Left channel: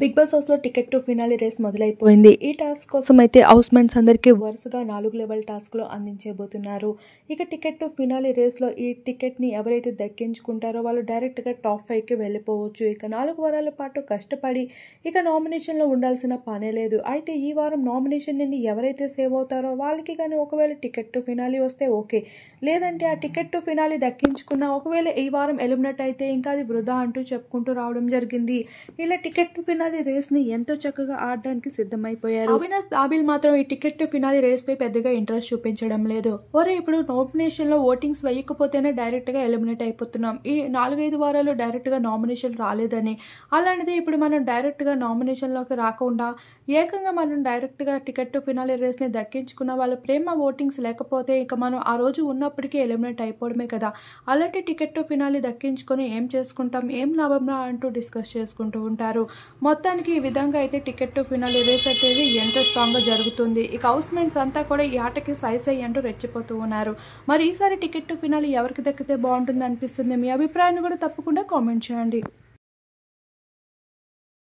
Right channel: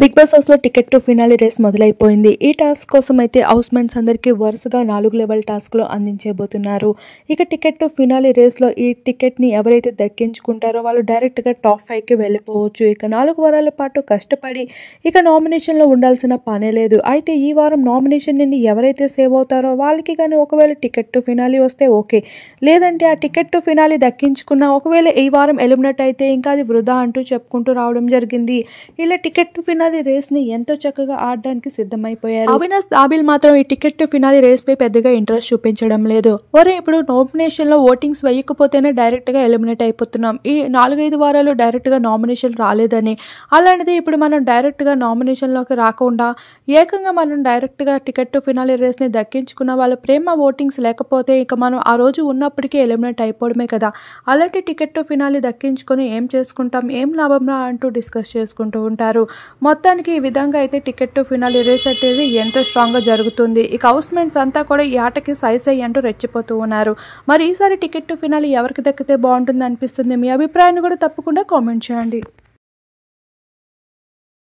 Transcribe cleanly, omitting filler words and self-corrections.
Big boss హౌస్లో ticket to finale race మొదలైపోయింది. ఈ task కోసం అయితే హౌస్ మెంట్స్ అందరికీ వరుసగా 4 లెవెల్ టాస్క్లు అందించబోతున్నారు. ఇక టికెట్ టు ఫినాలి రేస్లో ఈ టికెట్ని ఎవరైతే దక్కించుకుంటారో వాళ్ళు డైరెక్ట్గా టాప్ 5కి వెళ్ళిపోవచ్చు. ఇక 4 వారాల పాటు కష్టపడి ఇక నామినేషన్లో ఉండాల్సిన పనే లేదు. అయితే ఈ వారం నామినేషన్ నుండి ఎవరైతే సేవ్ అవుతారో వాళ్ళకి కానీ ఒకవేళ టికెట్ టు ఫినాలి వస్తే ఓకే, లేదంటే ఆ టికెట్ టు ఫినాలి దక్కించుకున్న ఒకవేళ ఈ వారం ఎలిమినేట్ అయితే ఇంకా అది వృధా అంటూ చెప్పుకుంటూ రావడం జరిగింది. ఇలా టికెట్ టు ఫినాలి రేస్ ని ఎంతో చక్కగా ఆడడానికి సిద్ధమైపోయారు. అవినాష్ దాబిల్ మాత్రం ఈ టికెట్ టు ఫినాలి రేస్ పై పెద్దగా ఇంట్రెస్ట్ చూపించడం లేదు. ఒరే ఇప్పుడు నామినేషన్ లో ఓటింగ్స్ వేయకపోతేనే డైరెక్ట్ గా ఎలిమినేట్ అయిపోతున్నాం, ఈ 4-5 వారాలు డైరెక్ట్ గా నామినేషన్ రాలేదని, అలాంటిది ఇప్పుడు మనం డైరెక్ట్ గా నామినేషన్ లోకి రాకుండా ఏకంగా మనం డైరెక్ట్ గా టికెట్ టు ఫినాలి రేస్ ని దక్కించుకున్న వాళ్ళ ప్రేమ ఓటింగ్స్ లేకపోతే ఇక మనం ఆ రోజు ఉన్నప్పటికీ ఎలిమినేట్ అయిపోవడమే కదా. అలాంటి టికెట్ టు ఫినాలి దక్కించుకొని ఏం చేసుకుంటాం, ఏం లాభంరా అంటూ డిస్కస్ చేసుకుంటూ ఉంటారు. మొత్తానికి ఈ విధంగా అయితే టికెట్ టు ఫినాలి రేస్ అనేది ఎంతో స్ట్రాంగ్గా జరుగుతుంది. ఇక హౌస్ మెంట్స్ అంతా కూడా ఈ ఆటకి సై అంటూ రెచ్చిపోతూ ఉన్నారు. మరి ఈసారి టికెట్ టు ఫినాలి ఎవరికి దక్కితే బాగుంటుంది అనిపిస్తుంది? మీ అభిప్రాయాన్ని కూడా తప్పకుండా కామెంట్ చేయండి.